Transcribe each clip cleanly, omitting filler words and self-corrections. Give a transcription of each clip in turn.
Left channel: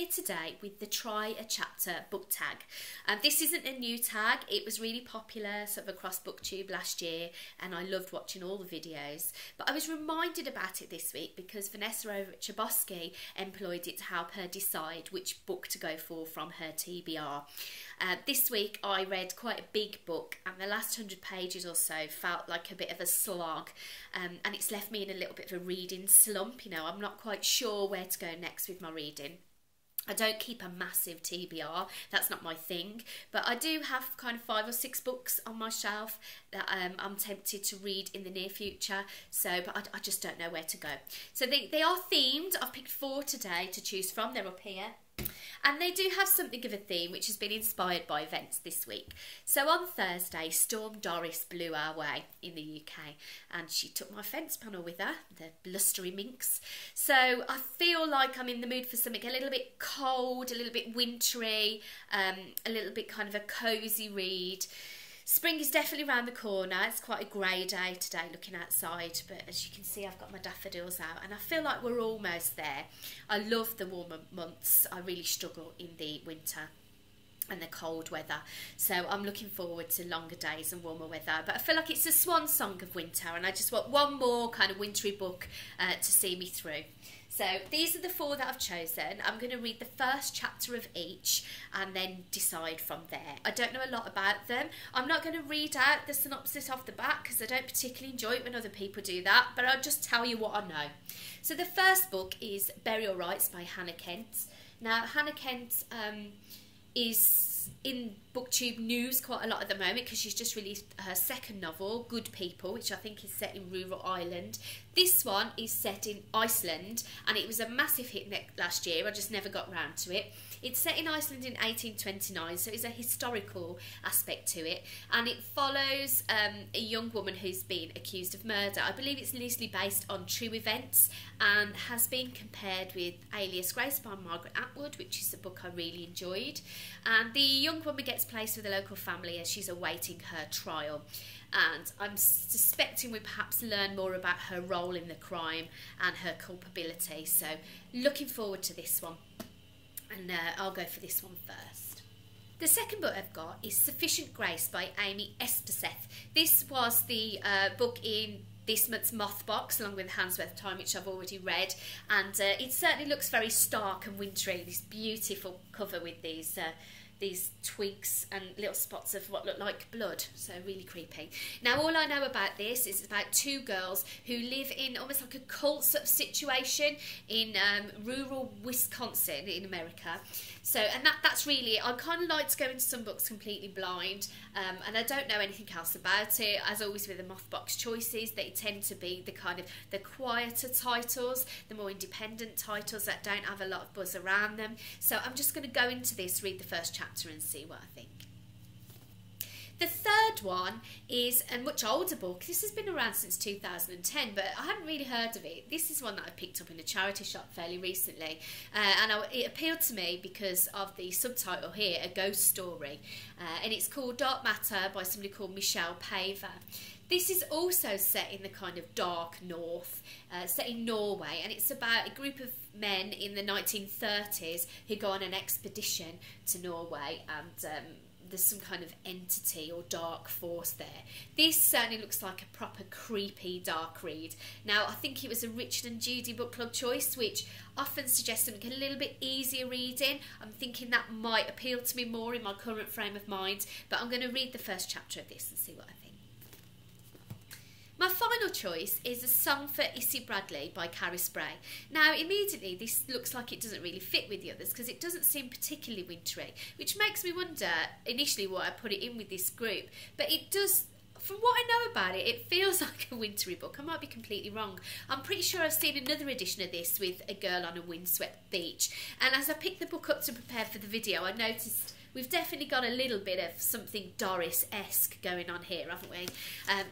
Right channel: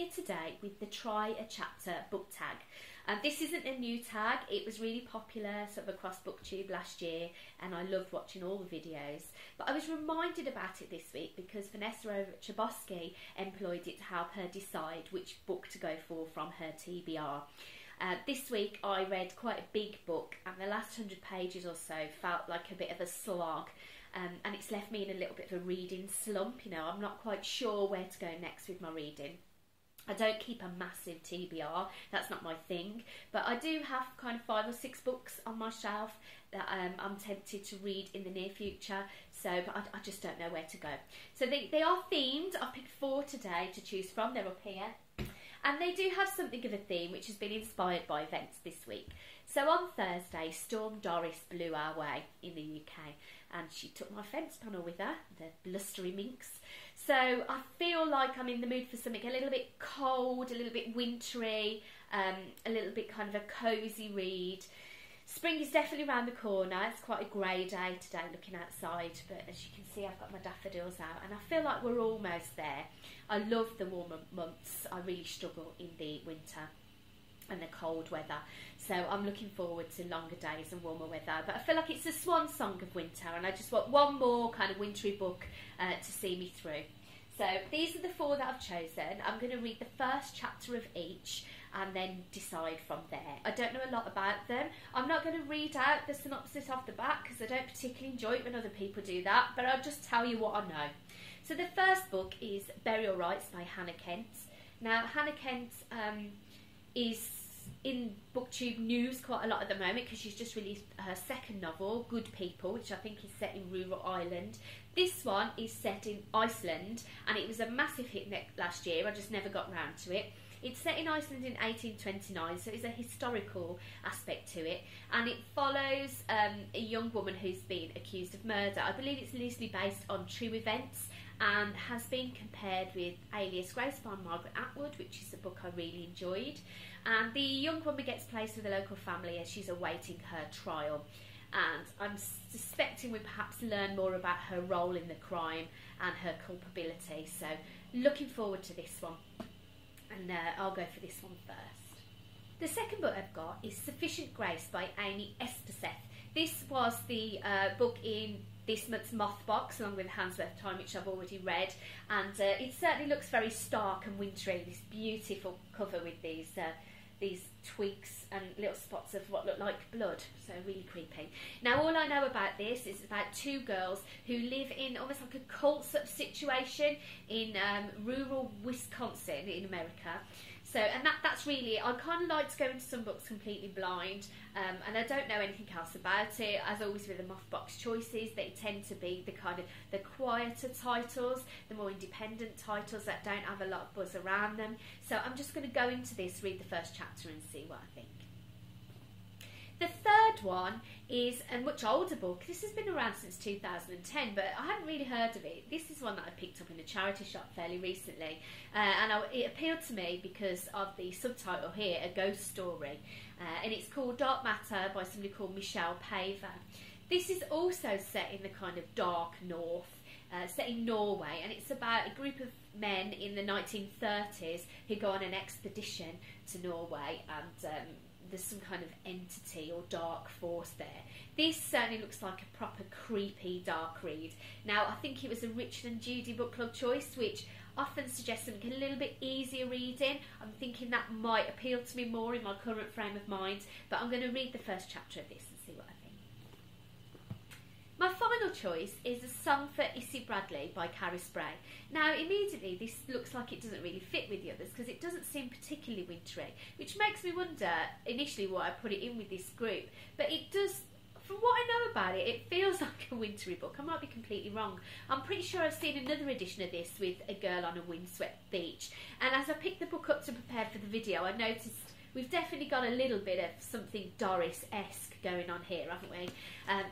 here today with the Try a Chapter book tag. This isn't a new tag, it was really popular sort of across BookTube last year and I loved watching all the videos. But I was reminded about it this week because Vanessa over at Chbosky employed it to help her decide which book to go for from her TBR. This week I read quite a big book and the last 100 pages or so felt like a bit of a slog, and it's left me in a little bit of a reading slump. You know, I'm not quite sure where to go next with my reading. I don't keep a massive TBR, that's not my thing, but I do have kind of 5 or 6 books on my shelf that I'm tempted to read in the near future, but I just don't know where to go. So they are themed. I've picked 4 today to choose from, they're up here. And they do have something of a theme which has been inspired by events this week. So on Thursday, Storm Doris blew our way in the UK and she took my fence panel with her, the blustery minx. So I feel like I'm in the mood for something a little bit cold, a little bit wintry, a little bit kind of a cosy read. Spring is definitely around the corner. It's quite a grey day today looking outside, but as you can see I've got my daffodils out and I feel like we're almost there. I love the warmer months. I really struggle in the winter and the cold weather, so I'm looking forward to longer days and warmer weather, but I feel like it's a swan song of winter and I just want one more kind of wintry book to see me through. So these are the 4 that I've chosen. I'm going to read the first chapter of each and then decide from there. I don't know a lot about them. I'm not going to read out the synopsis off the back because I don't particularly enjoy it when other people do that, but I'll just tell you what I know. So the first book is Burial Rites by Hannah Kent. Now Hannah Kent is in BookTube news quite a lot at the moment because she's just released her second novel, Good People, which I think is set in rural Ireland. This one is set in Iceland and it was a massive hit last year. I just never got round to it. It's set in Iceland in 1829, so it's a historical aspect to it, and it follows a young woman who's been accused of murder. I believe it's loosely based on true events and has been compared with Alias Grace by Margaret Atwood, which is a book I really enjoyed. And the young woman gets placed with a local family as she's awaiting her trial. And I'm suspecting we perhaps learn more about her role in the crime and her culpability. So looking forward to this one. And I'll go for this one first. The second book I've got is Sufficient Grace by Amy Espeseth. This was the book in this month's Moth Box, along with Handsworth Time, which I've already read, and it certainly looks very stark and wintry. This beautiful cover with these twigs and little spots of what look like blood, so really creepy. Now all I know about this is about 2 girls who live in almost like a cult sort of situation in rural Wisconsin in America. So, and that's really, I kind of like to go into some books completely blind, and I don't know anything else about it. As always with the Mothbox choices, they tend to be the kind of the quieter titles, the more independent titles that don't have a lot of buzz around them. So I'm just going to go into this, read the first chapter and see what I think. The third one is a much older book. This has been around since 2010, but I hadn't really heard of it. This is one that I picked up in a charity shop fairly recently, and it appealed to me because of the subtitle here, A Ghost Story, and it's called Dark Matter by somebody called Paver. This is also set in the kind of dark north, set in Norway, and it's about a group of men in the 1930s who go on an expedition to Norway, and there's some kind of entity or dark force there. This certainly looks like a proper creepy dark read. Now I think it was a Richard and Judy book club choice, which often suggests something a little bit easier reading. I'm thinking that might appeal to me more in my current frame of mind, but I'm going to read the first chapter of this and see what I think. My final choice is A Song for Issy by Carys Bray. Now immediately this looks like it doesn't really fit with the others because it doesn't seem particularly wintry, which makes me wonder initially why I put it in with this group, but it does, from what I know about it, it feels like a wintry book. I might be completely wrong. I'm pretty sure I've seen another edition of this with a girl on a windswept beach, and as I picked the book up to prepare for the video I noticed we've definitely got a little bit of something Doris-esque going on here, haven't we?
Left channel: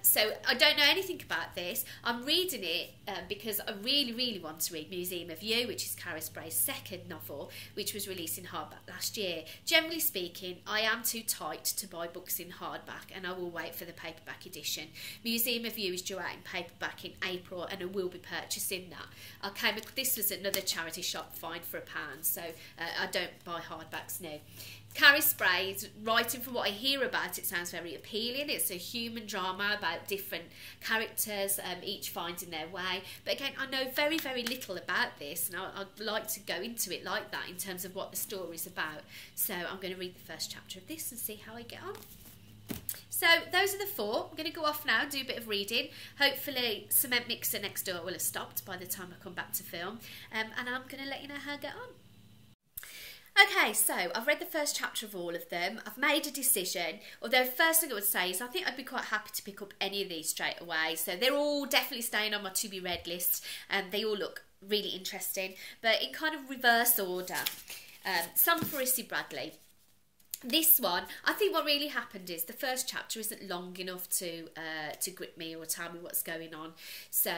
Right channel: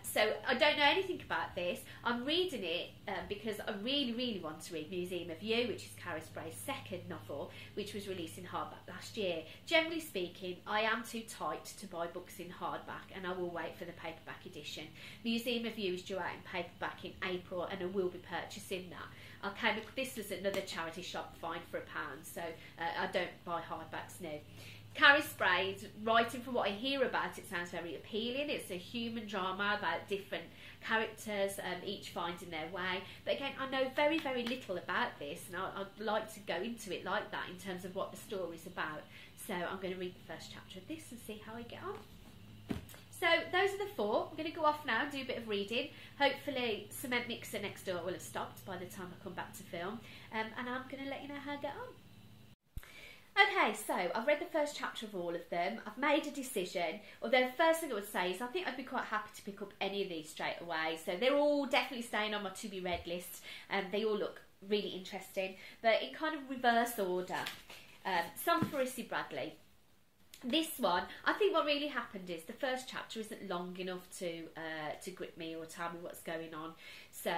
So I don't know anything about this. I'm reading it because I really, really want to read Museum of You, which is Carys Bray's second novel, which was released in hardback last year. Generally speaking, I am too tight to buy books in hardback, and I will wait for the paperback edition. Museum of You is due out in paperback in April, and I will be purchasing that. This was another charity shop find for £1, so I don't buy hardbacks now. Carys Bray, writing from what I hear about it, sounds very appealing. It's a human drama about different characters, each finding their way. But again, I know very, very little about this, and I'd like to go into it like that in terms of what the story's about. So I'm going to read the first chapter of this and see how I get on. So those are the 4. I'm going to go off now and do a bit of reading. Hopefully cement mixer next door will have stopped by the time I come back to film. And I'm going to let you know how I get on. Okay, so I've read the first chapter of all of them. I've made a decision, although first thing I would say is I think I'd be quite happy to pick up any of these straight away. So they're all definitely staying on my to be read list, and they all look really interesting, but in kind of reverse order. Some for Issy Bradley. This one, I think what really happened is the first chapter isn't long enough to grip me or tell me what's going on. So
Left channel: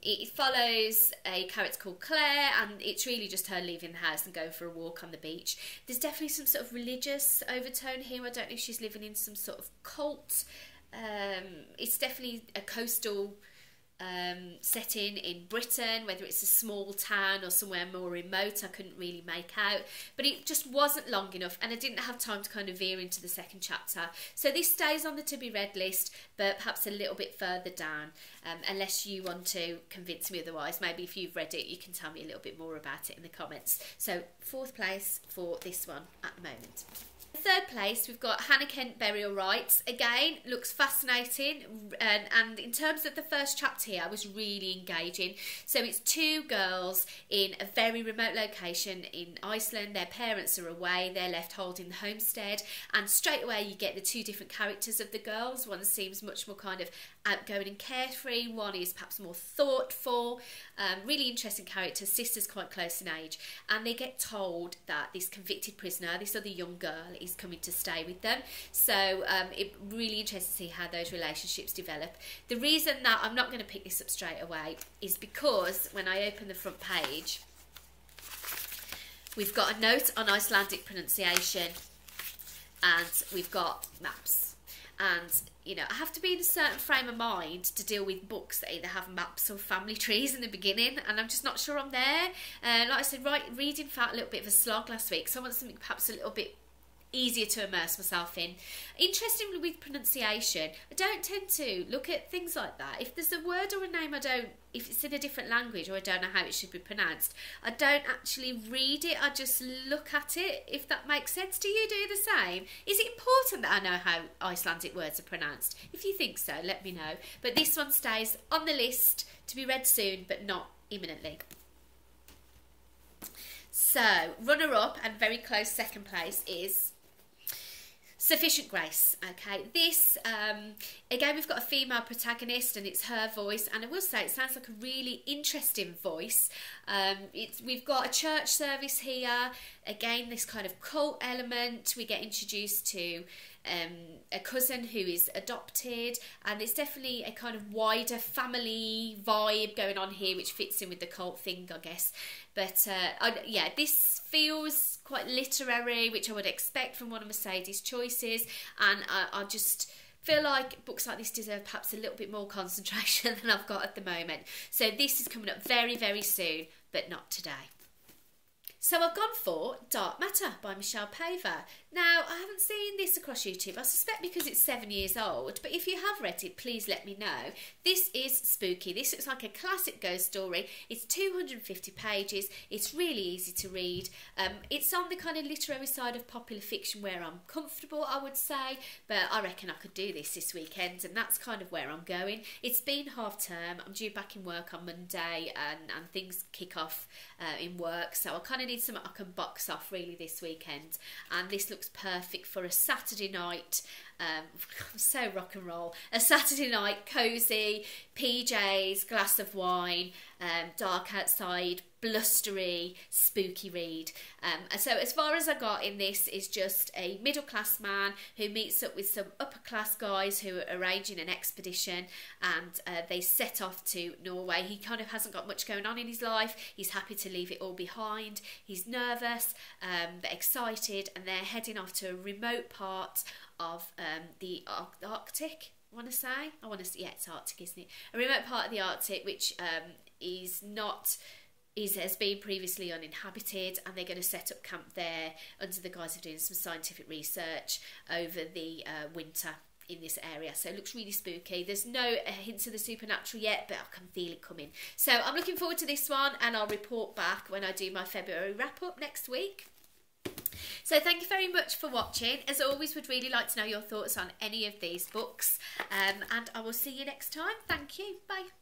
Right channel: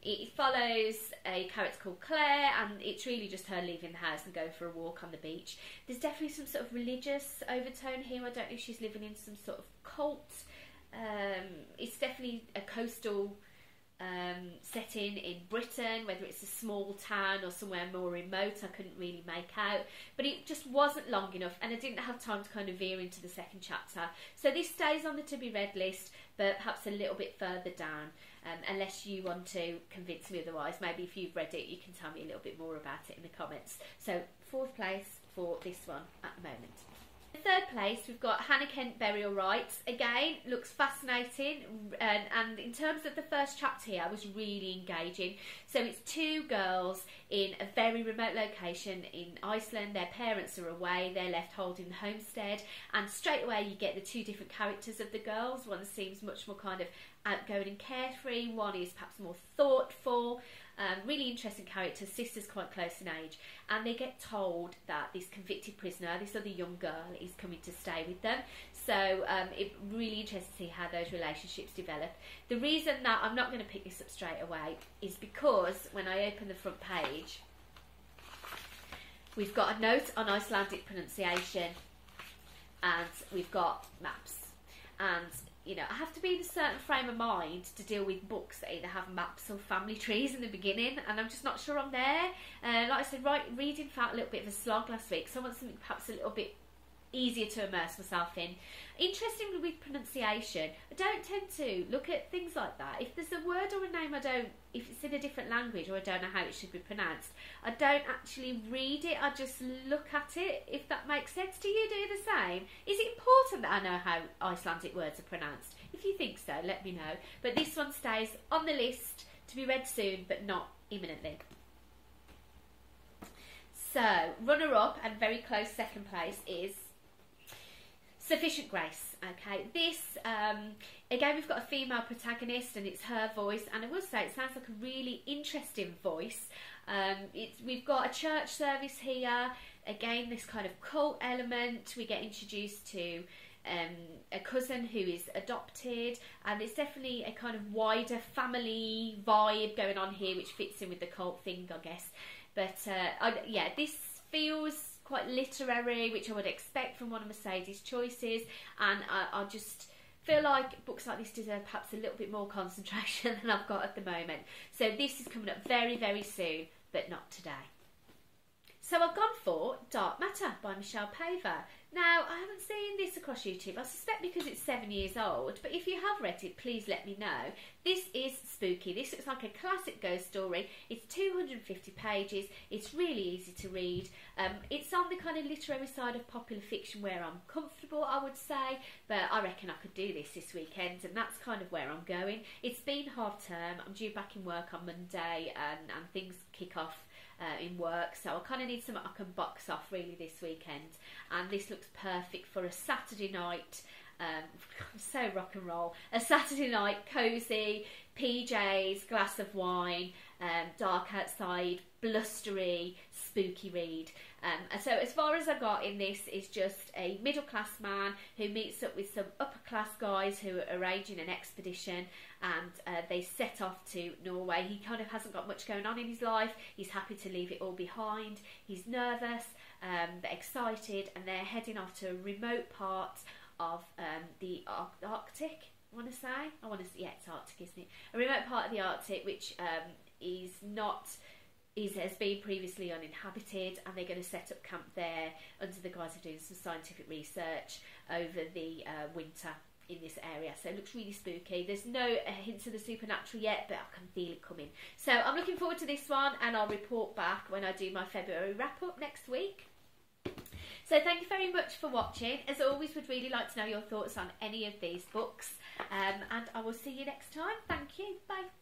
it follows a character called Claire, and it's really just her leaving the house and going for a walk on the beach. There's definitely some sort of religious overtone here. I don't know if she's living in some sort of cult. It's definitely a coastal setting in Britain, whether it's a small town or somewhere more remote, I couldn't really make out, but it just wasn't long enough, and I didn't have time to kind of veer into the second chapter. So this stays on the to be read list, but perhaps a little bit further down, unless you want to convince me otherwise. Maybe if you've read it, you can tell me a little bit more about it in the comments. So 4th place for this one at the moment. 3rd place, we've got Hannah Kent Burial Rites. Again, looks fascinating, and in terms of the first chapter here, I was really engaging. So it's 2 girls in a very remote location in Iceland. Their parents are away, they're left holding the homestead, and straight away you get the 2 different characters of the girls. One seems much more kind of outgoing and carefree, one is perhaps more thoughtful. Really interesting characters, sisters quite close in age, and they get told that this convicted prisoner, this other young girl, is coming to stay with them. So it really interesting to see how those relationships develop. The reason that I'm not going to pick this up straight away is because when I open the front page, we've got a note on Icelandic pronunciation, and we've got maps. And you know, I have to be in a certain frame of mind to deal with books that either have maps or family trees in the beginning, and I'm just not sure I'm there. Like I said, reading felt a little bit of a slog last week, so I want something perhaps a little bit easier to immerse myself in. Interestingly, with pronunciation, I don't tend to look at things like that. If there's a word or a name if it's in a different language or I don't know how it should be pronounced, I don't actually read it, I just look at it, if that makes sense. Do you do the same? Is it important that I know how Icelandic words are pronounced? If you think so, let me know. But this one stays on the list to be read soon, but not imminently. So, runner-up and very close second place is Sufficient Grace. Okay, this again, we've got a female protagonist and it's her voice, and I will say it sounds like a really interesting voice. We've got a church service here, again this kind of cult element. We get introduced to a cousin who is adopted, and there's definitely a kind of wider family vibe going on here which fits in with the cult thing, I guess. But yeah, this feels quite literary, which I would expect from one of Mercedes' choices, and I just feel like books like this deserve perhaps a little bit more concentration than I've got at the moment. So this is coming up very, very soon, but not today. So I've gone for Dark Matter by Paver. Now, I haven't seen this across YouTube, I suspect because it's 7 years old, but if you have read it, please let me know. This is spooky. This looks like a classic ghost story. It's 250 pages. It's really easy to read. It's on the kind of literary side of popular fiction where I'm comfortable, I would say, but I reckon I could do this weekend, and that's kind of where I'm going. It's been half term. I'm due back in work on Monday, and things kick off in work, so I kind of need something I can box off really this weekend, and this looks perfect for a Saturday night. I'm so rock and roll. A Saturday night, cosy, PJs, glass of wine, dark outside, blustery, spooky read. And so as far as I got in this is just a middle class man who meets up with some upper class guys who are arranging an expedition, and they set off to Norway. He kind of hasn't got much going on in his life. He's happy to leave it all behind. He's nervous, but excited, and they're heading off to a remote part of the Arctic. Yeah, it's Arctic, isn't it? A remote part of the Arctic, which has been previously uninhabited, and they're going to set up camp there under the guise of doing some scientific research over the winter in this area. So it looks really spooky. There's no hints of the supernatural yet, but I can feel it coming. So I'm looking forward to this one, and I'll report back when I do my February wrap-up next week. So thank you very much for watching. As always, would really like to know your thoughts on any of these books, and I will see you next time. Thank you. Bye.